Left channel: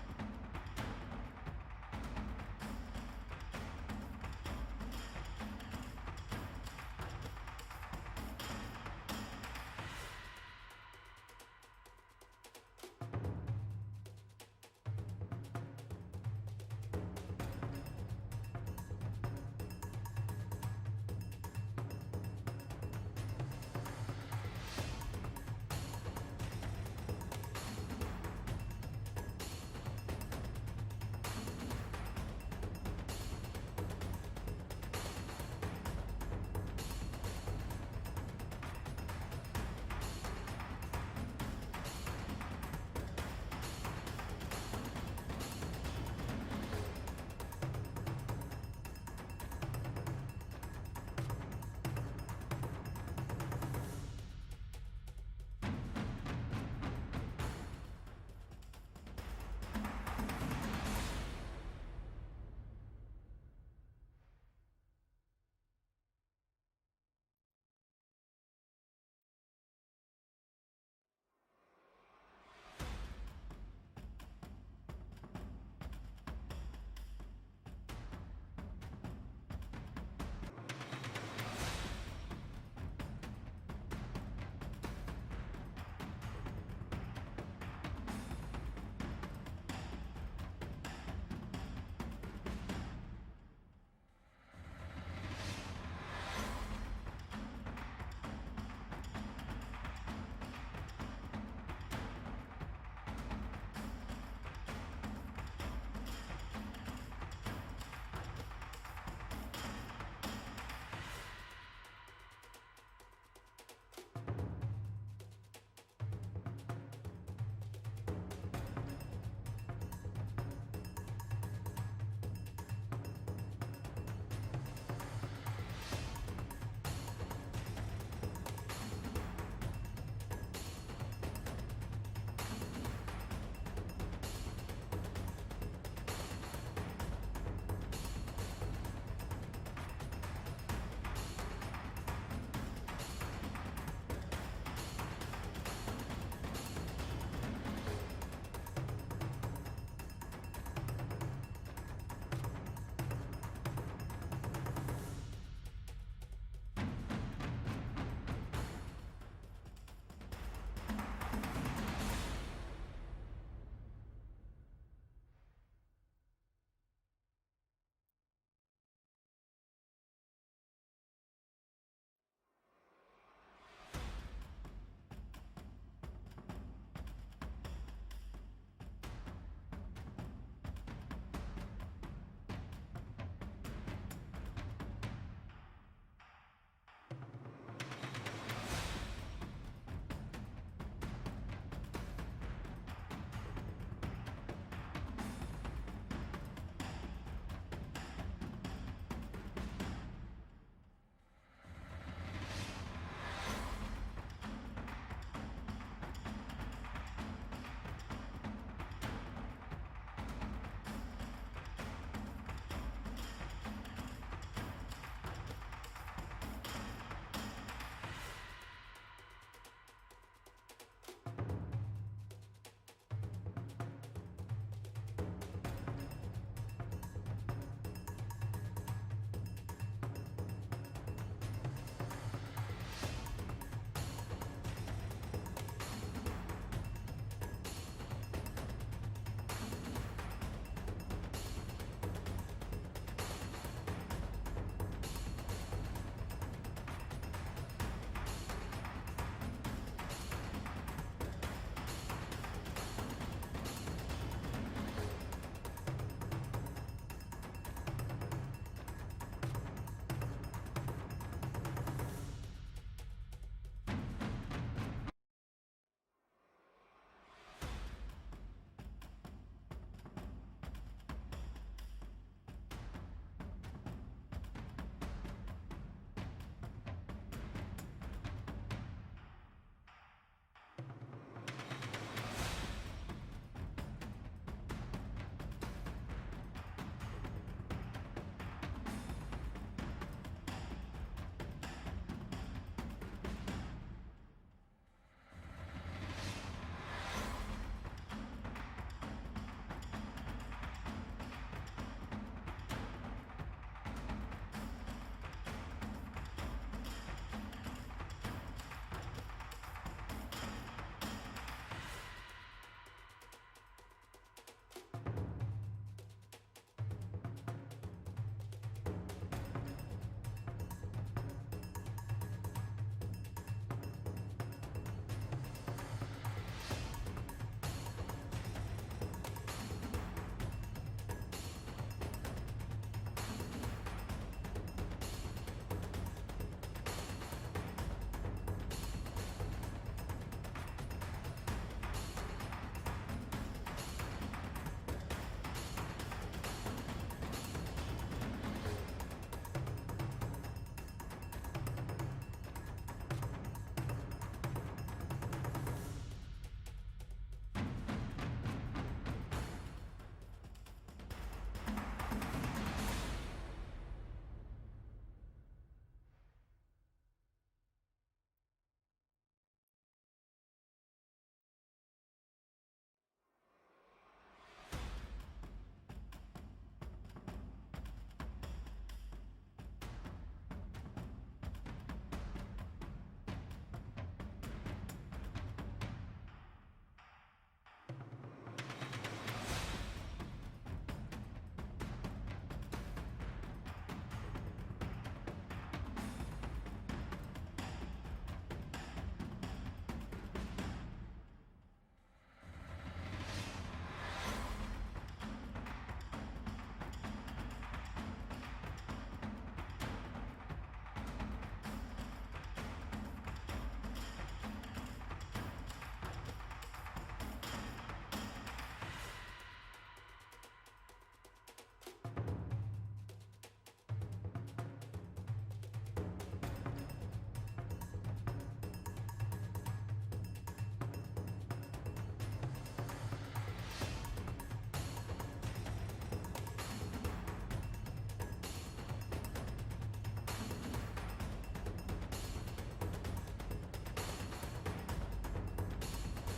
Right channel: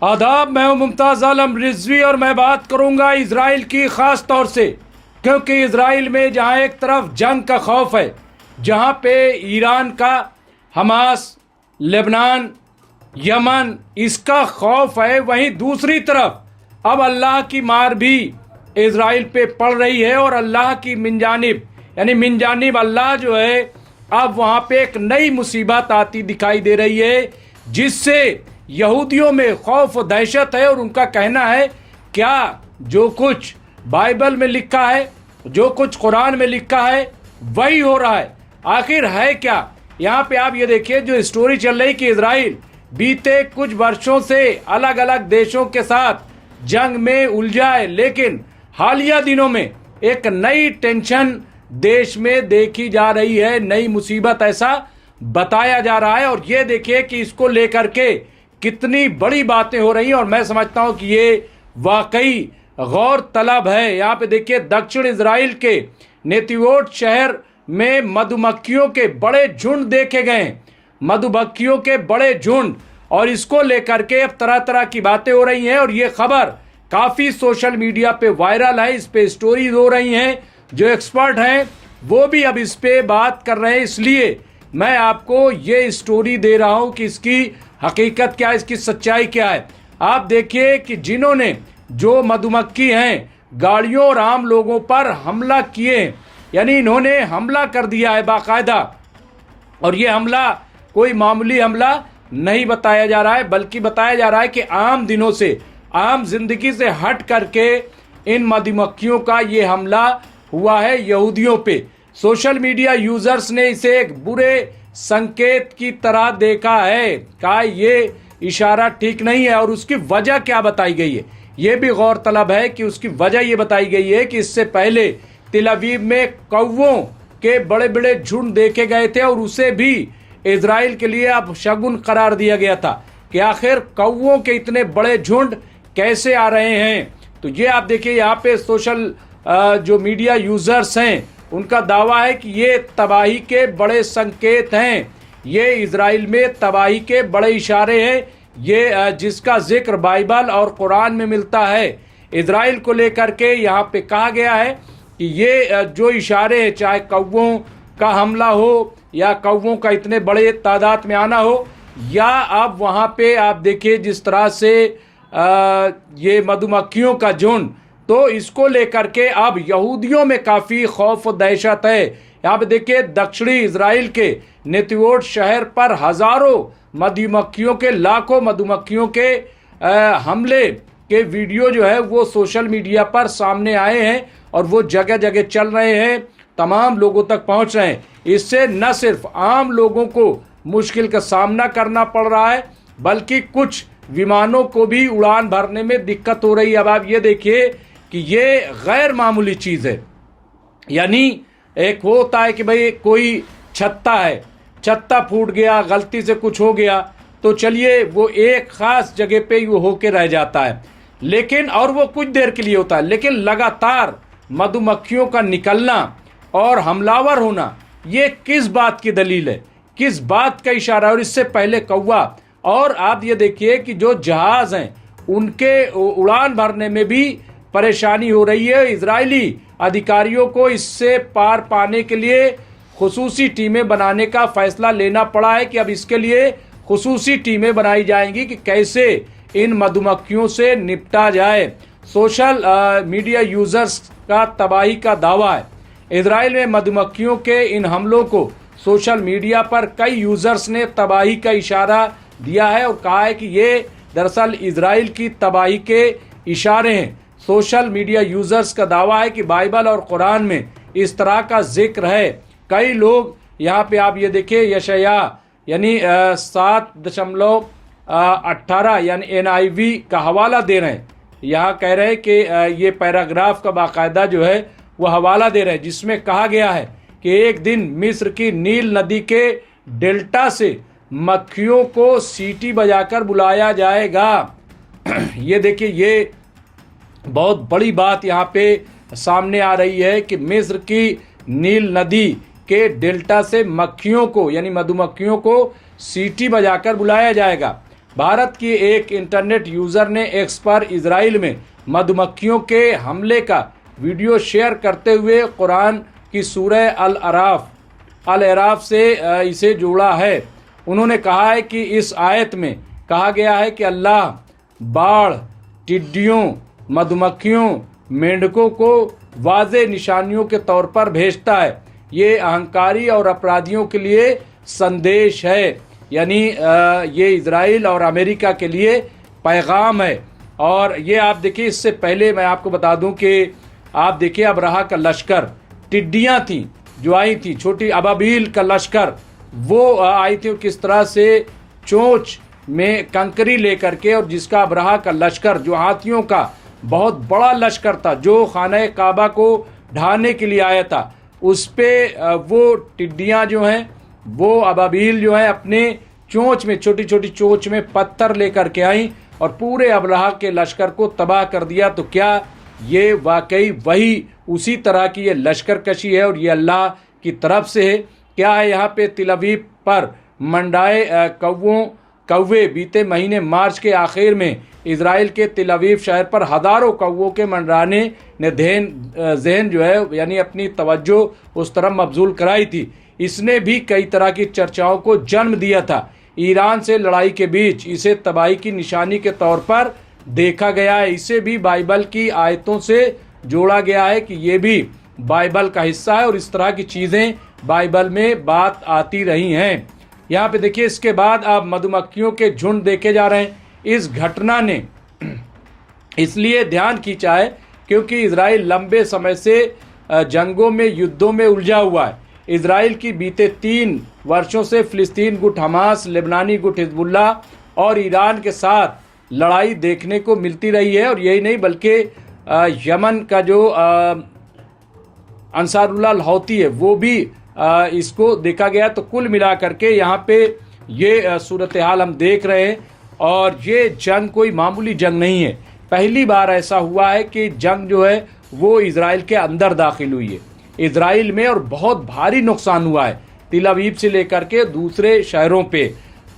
आदाब, मैं हूं मुमताज़ आलम रिजवी और मैं बात करूंगा इजराइल की ख़ास तौर से, क्योंकि इजराइल में जहां एक तरफ जंग का खौफ है, जहां पे ईरान का, हमास, लेबनान, यमन इसका खौफ है, वहीं दूसरी तरफ अब अल्लाह की मार भी इजराइल पे पड़ रही है। और अल्लाह की मिनजानिब यानी मिनजानिब अल्लाह जो है, अब वहां पे एक नई मुसीबत आती दिखाई दे रही है, जिससे यहूदियों में खौफ और दहशत है। और उनका कहना है क्या जो कुछ बाइबल में लिखा है, जो कुछ कुरान में लिखा है, वही हो रहा है। आखिर है क्या? यहाँ पे आप ये देखिए, जो स्टोरी चल रही कि इजराइल बीते कुछ वर्षों से अलग अलग देशों के साथ जंग में उलझा है, लेकिन हालिया दिनों में एक नई टेंशन देश में देखी जा रही है, नई मुसीबत ऐसा बताया जा रहा है। और ये देखिए कि इसको लेकर के कितनी बड़ी बातें हो रही हैं, और मैं समझता हूं कि ये वाकई गौर तलब है। यहाँ पे देखिए, दक्षिण इजराइल के नेतिवोट शहर में मधुमक्खियों के बड़े झुंड देखे गए, मधुमक्खियों के बड़े झुंड, और इसको लेकर के अब तरह तरह की बातें हो रही हैं। और ये खबर काफ़ी सोशल मीडिया पे वायरल है, इस पे स्टोरीज हो रही हैं, जो एक्सपर्ट हैं वो भी अब इस पे बात कर रहे हैं। इसलिए मैं आपको ये स्टोरी दे रहा हूं कि इसकी हकीकत क्या है, इसकी सच्चाई क्या है। आप देखिए कि जिन्होंने, जो मधुमक्खी हैं, गाड़ियों और आम लोगों पर हमला किए, यानी इन्होंने हमला कर दिया है बाकायदा। और ये हमला कोई मामूली हमला नहीं बताया जा रहा है, बल्कि बताया जा रहा है कि आम दिनों से, आम जिंदगी से हट करके इन मधुमक्खियों का ये हमला हुआ है यहूदियों पे। सोशल मीडिया यूजर्स ने इसे एक बुरे संकेत की तरह देखा है, कहा ये इशारा ठीक नहीं है। और उसकी वजह क्या बताई गई है, ये भी गौरतलब है कि उसकी वजह ये बताई गई है कि इससे पहले तिल अवीव में कौवों के बड़े बड़े झुंड देखे गए थे, और उसे भी इजराइल के लिए अब शगुन करार दिया गया था कि आखिर कौवों के इतने बड़े झुंड कैसे आ रहे हैं। तो ये आप देखिए, यहाँ पे सोशल जो मीडिया यूजर्स हैं, उनका दावा है कि ये तबाही के बड़े संकेत हैं, ये इजराइल में तबाही के बड़े इशारे हैं, ये जिसका जिक्र बाइबल और कुरान में मिलता है। इजराइल को लेकर के यहाँ पे कहा गया है कि ये जो इशारे हैं, चाहे कौवों का हमला हो या कौवों का इतने बड़े तादाद में आना हो, या अब वहाँ पे आप देखिए जिस तरह से ये मधुमक्खियों का झुंड, तो इसको लेकर के अब यहूदियों में काफ़ी खौफ और दहशत है। यहाँ पे देखिए, दक्षिणी इजराइल के नेतिवोट शहर पर हजारों मधुमक्खियों के, लाखों मधुमक्खियों के हमले के वीडियो जो है वो सोशल मीडिया पर सामने आए हैं, और वो जगह जगह चल रहे हैं, तमाम लोगों तक पहुंच रहे हैं। इससे न सिर्फ आम लोगों को मुश्किल का सामना करना पड़ रहा है, बल्कि कुछ विमानों को भी उड़ान भरने में दिक्कत हो रही है। अब आप ये देखिए कि ये गैर मामूली चीज़ है। यानी एक वो होता है कि भाई कोई छत्ता है, छत्ता फूट गया, गलती से कुछ हो गया, तो चलिए वो एक ख़ास जगह पे ही वो होके रह जाता है, लेकिन और वो कुछ देर के लिए होता है। लेकिन लगातार मधुमक्खियों का निकलना और हमलावर होना, ये किस बात की दलील है, किस बात का इशारा है? और इससे पहले कौवा, और आप ये देखिए कि जो जहाज़ हैं उनके उड़ान भरने में भी परेशानी हो रही है। इजरायली अधिकारियों को इससे पार पाने के लिए खुसूसी टीमें बनाने का फैसला लेना पड़ा है कि अब इसके लिए खुसूसी टीमें बनाई जाएंगी कि कैसे इन मधुमक्खियों से निपटा जाए। सोशल मीडिया यूजर्स का तबाही का दावा है। इजराइल में मधुमक्खियों के इन हमलों को सोशल मीडिया पर कई यूजर्स ने तबाही का इशारा दिया है, और कहा है कि ये दरअसल इजराइल की तबाही के इशारे हैं। सोशल मीडिया यूजर्स का दावा है कि बाइबल और कुरान में इस तरह का जिक्र है। कई लोग यहाँ पे आप ये देखिए, यशाया यानी 7.18 यानी NIV का हवाला दे रहे हैं। यहाँ कह रहे हैं कि ये पैराग्राफ का बाकायदा जो है वो हवाला दे रहे हैं, जिसमें कहा गया है कि एक दिन मिस्र की नील नदी के डेल्टा से मक्खियों को सीटी बजाकर बुलाया जाएगा। ये देखिए, ये बहुत बड़ी बात यहाँ पे सामने आ रही है कि मिस्र की नील नदी के डेल्टा से मक्खियों को, यानी मधुमक्खियों को सीटी बजाकर बुलाया जाएगा। भारत की एक इंटरनेट यूज़र ने एक्स पर इजराइल में मधुमक्खियों के हमले का वीडियो शेयर करते हुए कुरान की सूरह अल अराफ से इसे जोड़ा है। उन्होंने कहा है कि इस आयत में कहा गया है कि अल्लाह बाढ़, टिड्डियों, मधुमक्खियों, मेंढकों को वाज़े निशानियों के तौर पर भेजता है। ये अहंकारी और अपराधियों के लिए संदेश है, यानी ये इजराइल और अमेरिका के लिए पैगाम है। और ये आप देखिए, इससे पहले मैं आपको बता दूं कि आप देखिए अबरहा का लश्कर, टिड्डियां थी जो आई थी, छोटी अबाबील का लश्कर वो आई थी, किस तरह से चोंच में कंकरी लेकर के, और जिसका अबरहा का लश्कर जो हाथियों का बहुत बड़ा लश्कर था जो खाना काबा को ढाने के लिए आया था, उस पे वो टिड्डियां जो हैं, वो अबाबील जो हैं, अपने चोंच में, छोटी छोटी चोंच में पत्थर लेकर के आई और पूरे अबरहा के लश्कर को तबाह कर दिया। तो क्या ये वाकई वही उसी तरह की ये लश्कर कशी है और ये अल्लाह की तरफ से है? क्या है यहाँ पे तिल अवीव पर मंडाए कौवे बीते महीने मार्च के आखिर में इजराइल के तिल अवीव शहर पर हज़ारों कौवों के मंडराने ने जहन जो है, यानी अपनी तवज्जो उस तरफ मबजूल कराई थी। इसने भी कई तरह की चर्चाओं को जन्म दिया था। ईरान से लड़ाई के बीच इसे तबाही की निशानी के तौर पर देखा गया है। इसे भी बाइबल की आयतों से जोड़ा गया है कि ये भी बाइबल का हिस्सा है और इस तरह की चीज़ें बाइबल में बात आती रही हैं। यहाँ पे देखिए, इसके बाद अब मधुमक्खियों के झुंड देखे जा रहे हैं। इस घटना ने इसलिए ध्यान खींचा है क्योंकि इजराइल लंबे समय से जंगों में, युद्धों में उलझा हुआ है। इजराइल की बीते 3 वर्षों से फिलिस्तीन गुट हमास, लेबनानी गुट हिजबुल्ला और ईरान के साथ लड़ाई देखने को मिलती रही है। और यही नहीं बल्कि यमन का जो अंसारुल्लाह हौती है वो भी इसको देखा गया। तो कुल मिला करके यहाँ पे ये सूरत हाल हम देख रहे हैं और ये जंग कोई मामूली जंग नहीं है। पहली बार ऐसा हुआ है कि जंग जो है वो इजराइल के अंदर दाखिल हुई है इजराइल में, और बहुत भारी नुकसान हुआ है तिल अवीव से लेकर के दूसरे शहरों पे।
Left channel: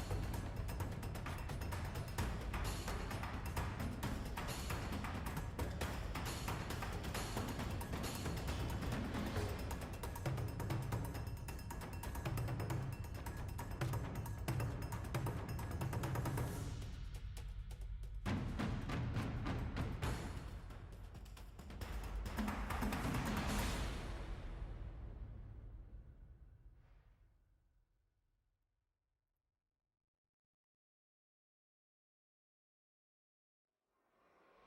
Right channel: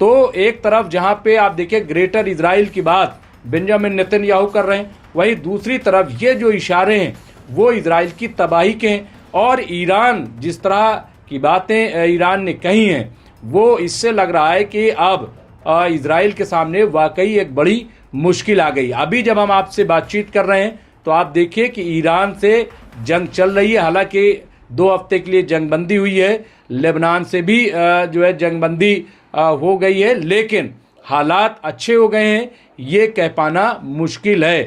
तो एक तरफ जहाँ पे आप देखिए ग्रेटर इजराइल की बात बेंजामिन नेतन्याहू कर रहे हैं, वहीं दूसरी तरफ ये जो इशारे हैं वो इजराइल की तबाही के हैं। और ईरान जिस तरह की बातें ईरान ने कही हैं, वो इससे लग रहा है कि अब इजराइल के सामने वाकई एक बड़ी मुश्किल आ गई। अभी जब हम आपसे बातचीत कर रहे हैं तो आप देखिए कि ईरान से जंग चल रही है। हालांकि 2 हफ्ते के लिए जंगबंदी हुई है, लेबनान से भी जो है जंगबंदी हो गई है, लेकिन हालात अच्छे हो गए हैं ये कह पाना मुश्किल है।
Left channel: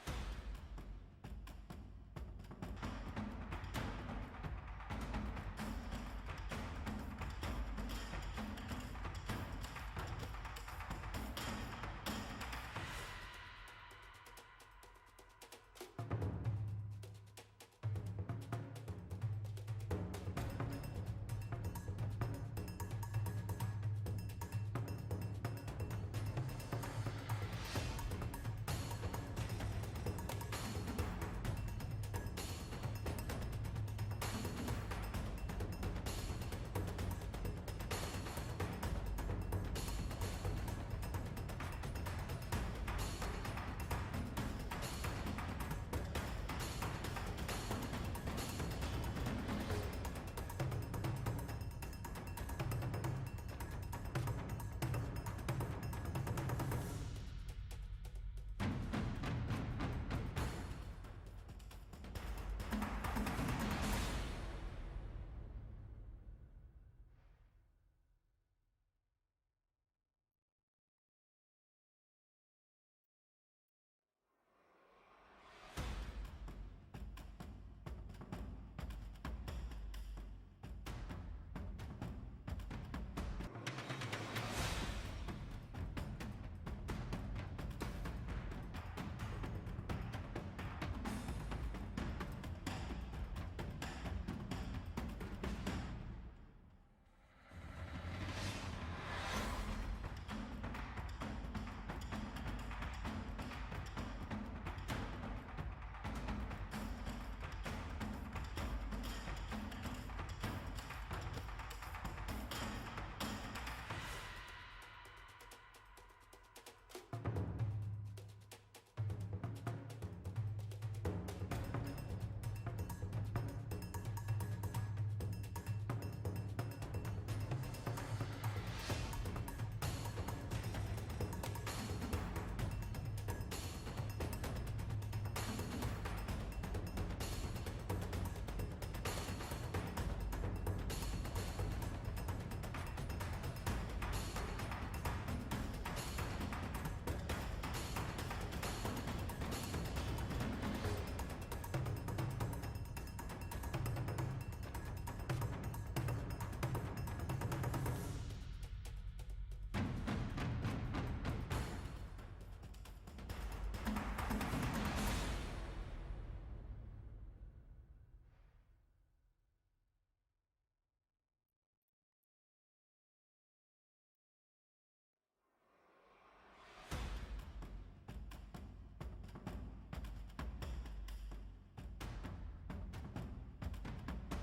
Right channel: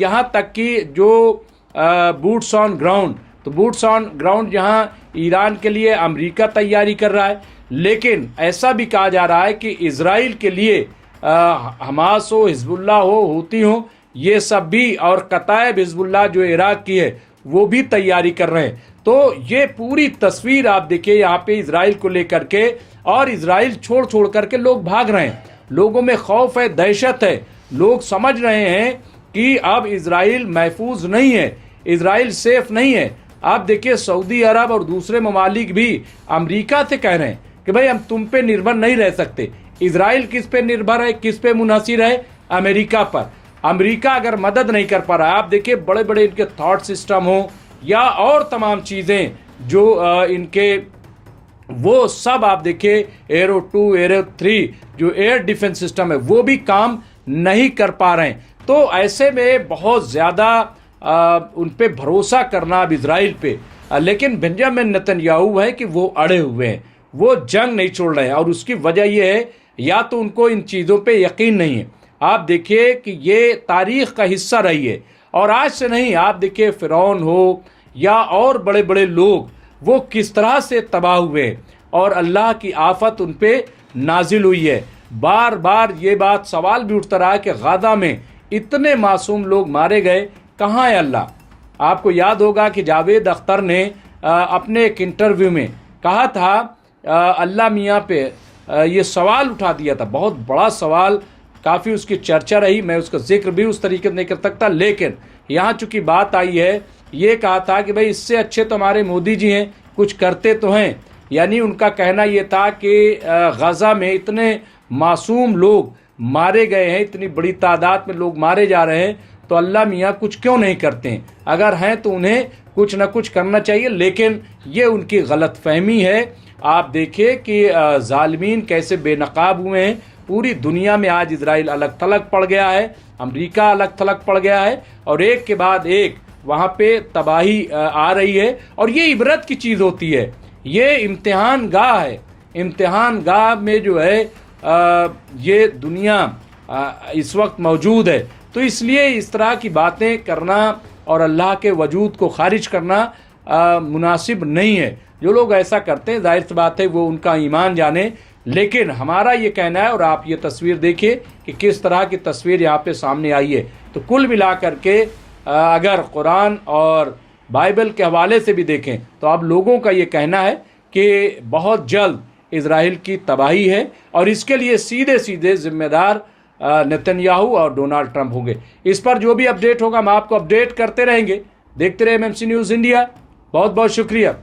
यहाँ तक कि जो बूट्स ऑन ग्राउंड, तो बूट्स ऑन ग्राउंड जहाँ ईरान के लिए अमेरिका तैयारी कर रहा है, लेकिन ऐसा भी कहा जा रहा है कि इजराइल के लिए हमास हो, हिजबुल्लाह हो, हूती हो, ये सब भी, और कतायब हिजबुल्लाह जो इराक की है वो भी तैयारी कर रहे हैं। तो ये पूरी तस्वीर आप देखिए यहाँ पे इजराइल को लेकर के, और इजराइल छोड़ करके लोग भाग रहे हैं। लोगों में खौफ है, दहशत है। लोग समझ रहे हैं कि अब इजराइल महफूज नहीं है, इजराइल सेफ नहीं है। आप देखिए सऊदी अरब और दूसरे ममालिक भी अमेरिका से कह रहे हैं कि भाई हम तुम पे निर्भर नहीं रह सकते। इजराइल किस पे निर्भर है, किस पे मुनहसिर है? अमेरिका पर। अमेरिका अगर मदद नहीं कर पा रहा है, आप देखिए बड़े बड़े इनके थॉट सिस्टम हो या और तमाम चीज़ें जो इनके, वो सब आप देखिए एरो 2, एरो 3 जो एयर डिफेंस सिस्टम है वो भी काम नहीं कर पा रहे हैं। तो ऐसे में बहुत ज़्यादा उन पे भरोसा करना अब इजराइल पे, लेकिन बेंजामिन नेतन्याहू है कि वो अड़े हुए हैं, वो जंग नहीं छोड़ रहे हैं। और उसकी वजह ये है, या तो उनको इन चीज़ों पे यकीन नहीं है। आप देखिए कि ये तारीख़ का हिस्सा रही है, और आज से नहीं। आप देखिए फ़िरौन हो या और बड़े बड़े लोग, वो किस तरह से तबाह हुए हैं और अल्लाह की आफत उन पे नाजिल हुई है। बार बार ये बात सवाल भी उठता रहा कि गाज़ा में इतने मासूम लोग मारे गए, कहाँ है अल्लाह? आपको याद होगा कि जावेद अख्तर ने अपने एक इंटरव्यू में कहा था, अल्लाह मियाँ पे ये सवाल उठा दिया था, बहुत बड़ा सवाल, काफ़ी उसकी चर्चा रही। मैं उसका जिक्र भी उस तरीके से नहीं कर सकता, लेकिन यहाँ चूँकि बात आई है, ये कहा था कि भाई इससे अच्छे तो हमारे मोदी जी हैं, कुछ करते तो हैं। यानी उनका कहना ये था कि गाज़ा में इतने मासूम लोग मारे गए हैं, इतनी बड़ी तादाद में लोग मारे जा रहे हैं, तो अल्लाह मियाँ कुछ क्यों नहीं करते हैं? अगर हैं तो उन्हें कुछ ना कुछ करना चाहिए, लेकिन ये उनकी गलतफहमी है। आप देखिए कि ज़ालिमीन कैसे बेनकाब हुए हैं। पूरी दुनिया में आज इजराइल अलग थलग पड़ गया है, अमेरिका अलग थलग पड़ गया है, और एक के बाद एक वहाँ पे तबाही आ रही है। और ये इबरत की चीज़ होती है, ये इम्तिहान गाह है। इम्तिहान गाह में जो है ये दुनिया इस वक्त मौजूद है। तो इसलिए इस तरह की बातें करना और अल्लाह के वजूद को खारिज करना मुनासिब नहीं है। जो लोग ऐसा करते हैं, जाहिर सी बात है वो उनका ईमान जाने, लेकिन हमारा ये कहना है, और आप ये तस्वीर देखिए कि किस तरह की तस्वीर यहाँ पे सामने आई है। तो कुल मिला करके अगर कुरान और बाइबल के हवाले से भी देखें तो आप लोगों का ये कहना है कि बहुत जल्द इजराइल की तबाही है, और इसके लिए सीधे सीधे जिम्मेदार नेतन्याहू और डोनाल्ड ट्रंप होंगे। इस पर जो भी अपडेट होगा हम आपको अपडेट करते रहेंगे। देखते रहे एमएमसी न्यूज़ इंडिया। बहुत बहुत शुक्रिया।